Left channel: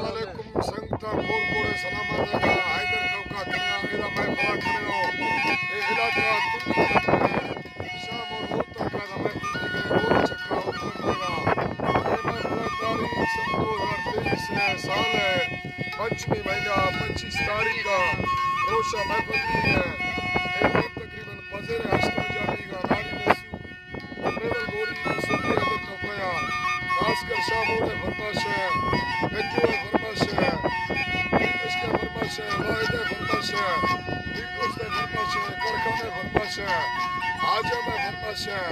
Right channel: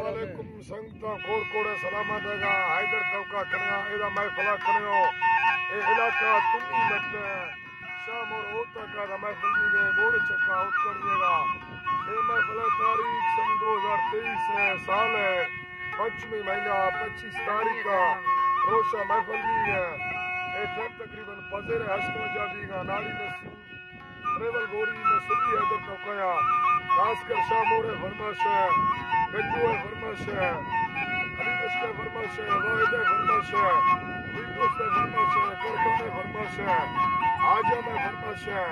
वालेकुम संगता कोड़ कोड़े सलामत है हैदर कवका कन्या इदा मैं फला कन्या ए इलाका तुम है शाम और रोज तक का मैं फुल्ली गए रोज चक्का ऊपर देगा ए मैं फला तारीख सन 2023 है साल है पंचमी महीना 25 तारीख का रोशा महफिल भी है एक दिन तकरीबन पजेर हश्तो जाबी का नाड़ी नस्यू प्रेवल गोरी नसुदी हैदर कवका खासकर शामोड़े फरमाश है गंजुए फरमाश है रीबस के फरमाश है वाहिदे फरमाश है विकोस के फरमाश है करखाने फरमाश है आजम है फरमाश है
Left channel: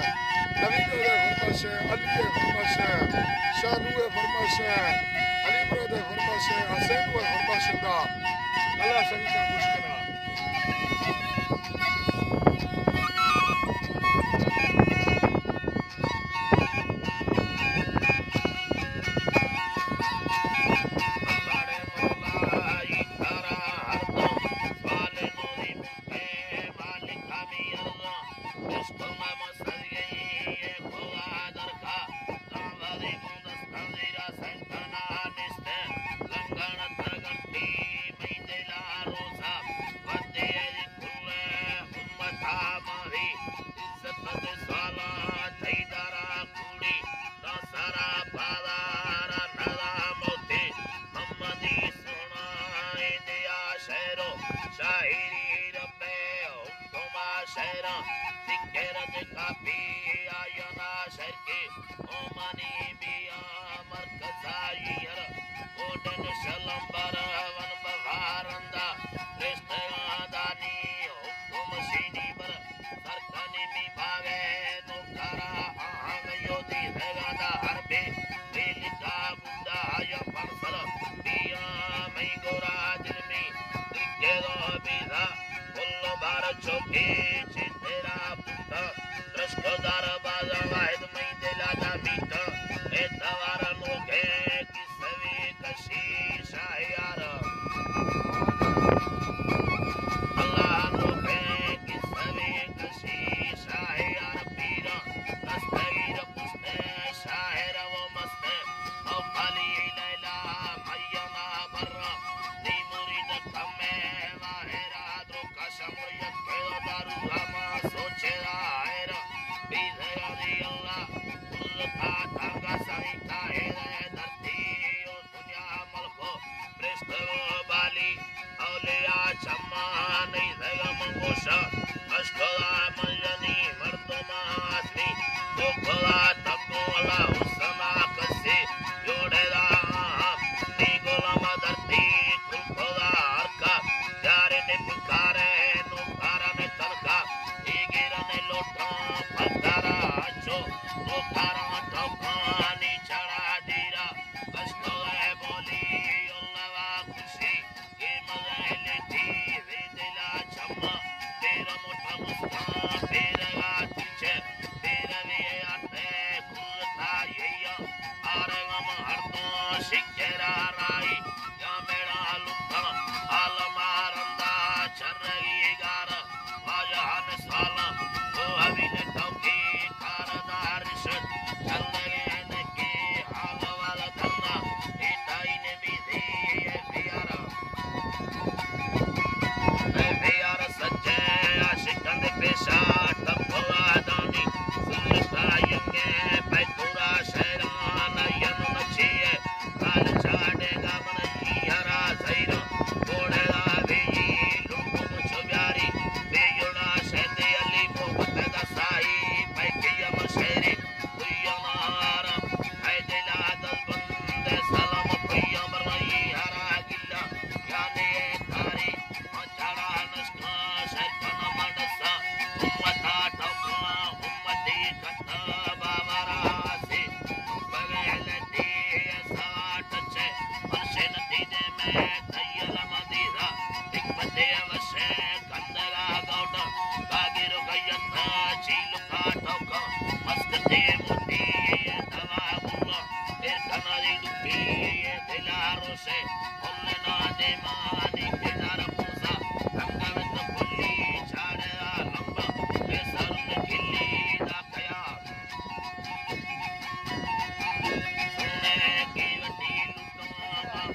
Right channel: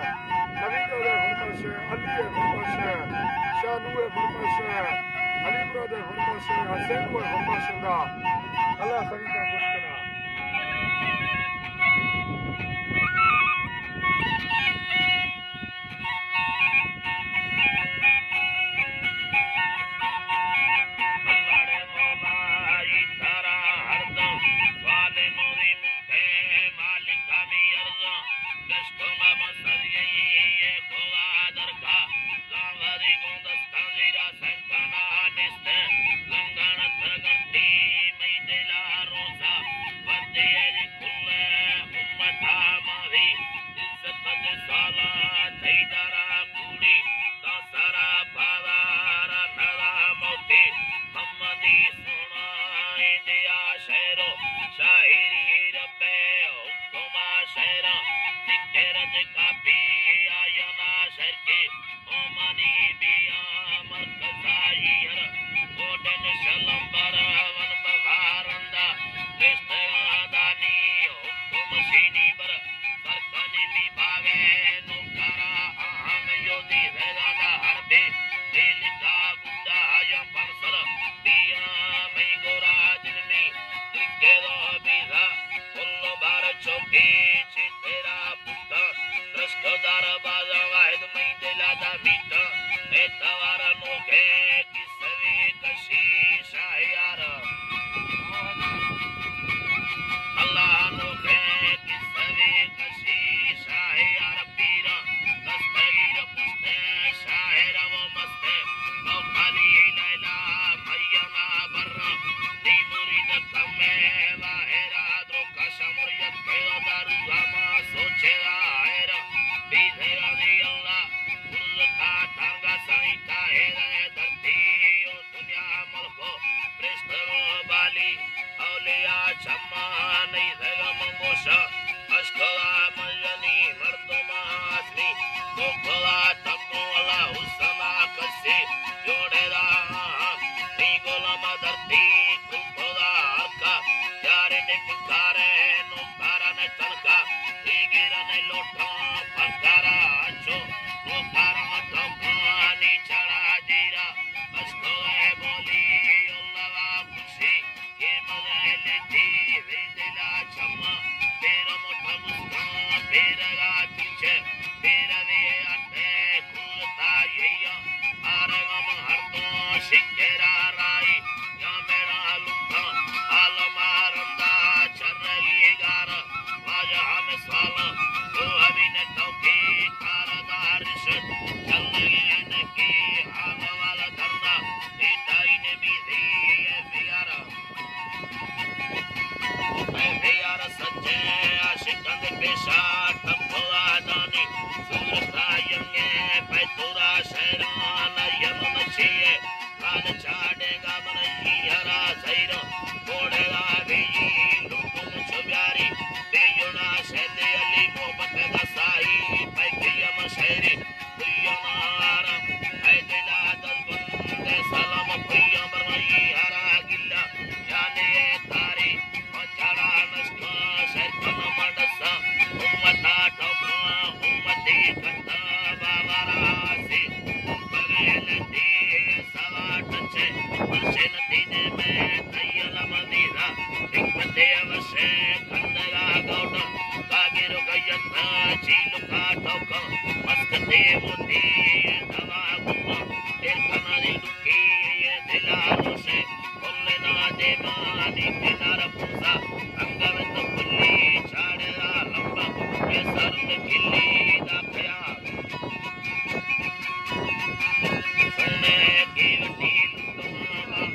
नवीदे फरमाश है अली फरमाश है शानू फरमाश है अली ब्रदर फरमाश है हसैन फरमाश है अल्लाह सभी का खुश करा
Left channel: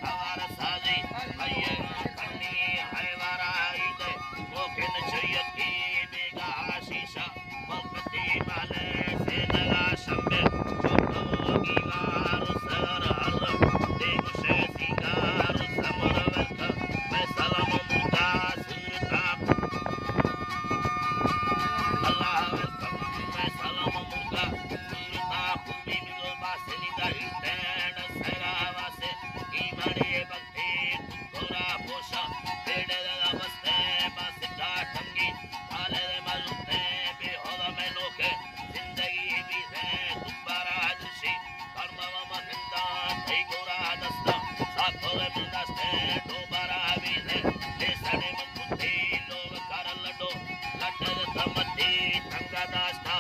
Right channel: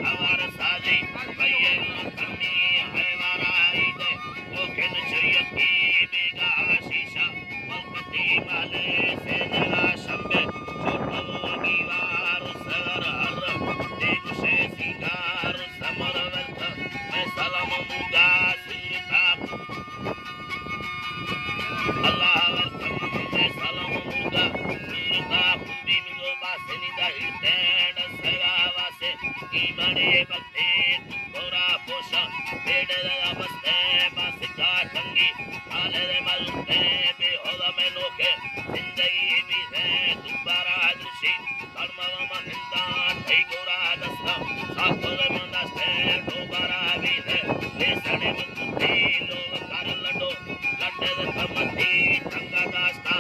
हवा बड़ी भक्ति गोरा पोषा बेड़े बस्ते बसता टंगी काले मलते बेहोदा में नोके जिंदगी भी है दोबारा दृश्य कर्मव महिंदा थई गोरा दस्ता सातों में दस्ते दोबारा भी है ले सड़े मुक्ति लोग कर लडो लड्डे तमती ठंगा दास्ता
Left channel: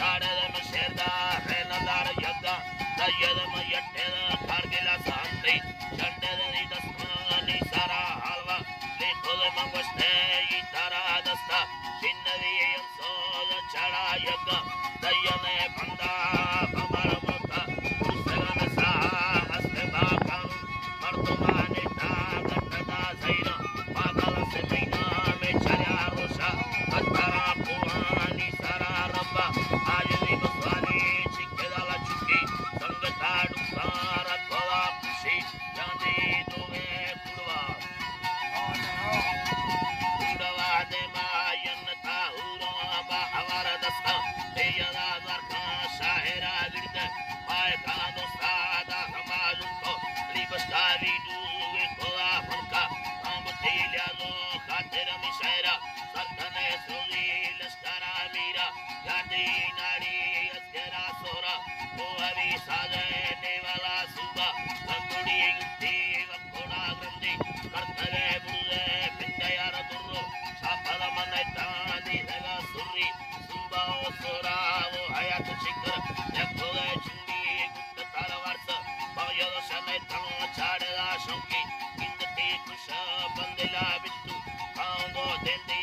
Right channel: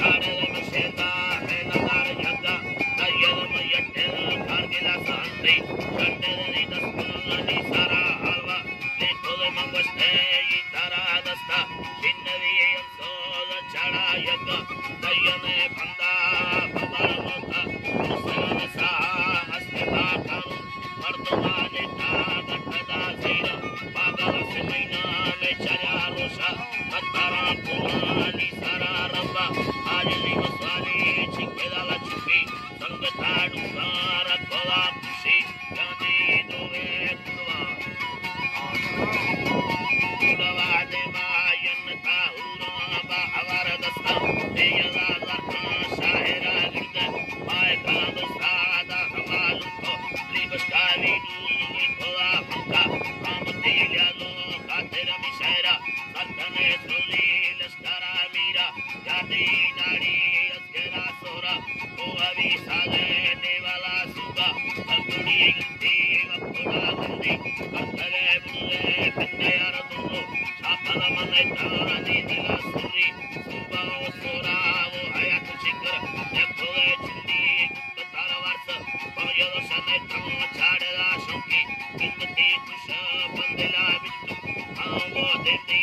चाड़े में शेरदा है लगार यज्ञा नयद में यट्टे खार गिला सांत्री चंडे दी दस्तानी सारा हलवा ले खोले मंगस्ते ई तारा दस्ता चिन्नवी अंसो चढ़ा यज्ञ दयने बंदा बबड़ मोथा मुसलन सा मस्ते बाकानु मर्दमाने ता गठदा सैरा पागल से महीना में चला रोशा कतारा कुरानी सारा रब्बा आज नी मस्वानी छिके दाला छुकी संगता डुसारा कोला खुशी गांधी दोवे कुड़वा दे मायन ताहुरा बा हवार दस्ता तेयला गरखा शाहिरा लिंदे पाए कला दोस्तादा हमालु तो लिबस्तानी दूवे कोला फंका काम दिल्या लो खातिर मिशायरा सरतने सुली लश्करा मीरा गांधी नाड़ी अस्करा सोरा वो अभी सागे नेवाला सुगा अकुड़ी गिट्टी वकुड़ा गंदी करतगे बुले पिंडे यार दुर्रो छापला मने तानी दगा सुरी सुबा सोरा वो हयात चिकर नेपोले चिंदी गुप्त तारवार्स बमयो सने तंग छाड़ला शौकी इंदती कुश बंदला बिट्टू आंगो देती